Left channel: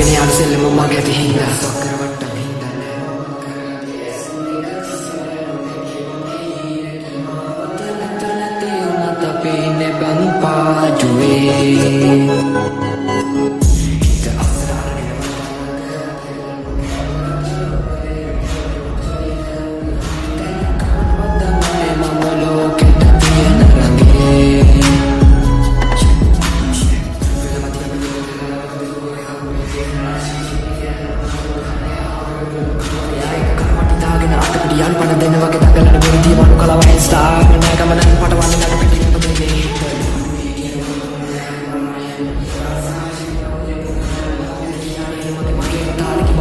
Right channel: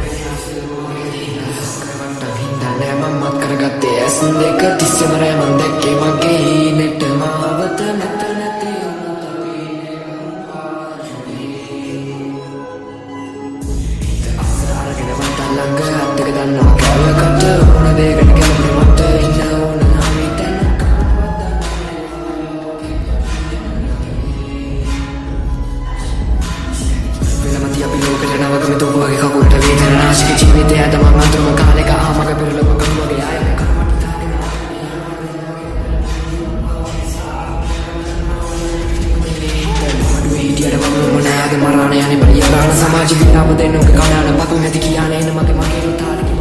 අරගෙන යාළු සෙල්ලම මගේ ඇති හින්දා සොක්කර වට්ටම් හින්දා නෑ මම මත් කරගත්තේ ඇස් දෙක තිස්සම රෑ මන් දැක්කේ මගේ හීනෙට මාවත මෙතන නැති වුණත් අපි ඉන්නේ බන් පාජුවේ හිත අස්සර අරගෙන වන්ට ළඟ අත්තක දන්නවා කැලකට ඕන දෙයකට ගැලපෙන්න මට ඉන්න ඕන අපි තැන කාටවත් දන්නේ මම ලෝකෙට තියෙන රංගේ වෙනමදී අපි ලෝකෙට නවගම දුවගේ කකුලට වේදන නාශක ජීවිතය අද මම අඳුරම කාලෙක ආමක පිරලම කරුවගේ ආයක කරවට දාගෙන අතපිට යන් පන දෙන්න වගේ දඟලන මෙරිදී වණු කලාව ඉන්ස්ටාග්‍රෑම් ගමනන් පටවන්නේ නඩු පිටින් පදින්නේ බැලුවේ හිටියට වගේ මොනාගේ මරාණ යන්නේ බලිය ගන්න සමාජ විද්‍යාව දෙන්නුගේ කණාන පතු නැති කියන්නේ මගේ තාලිකි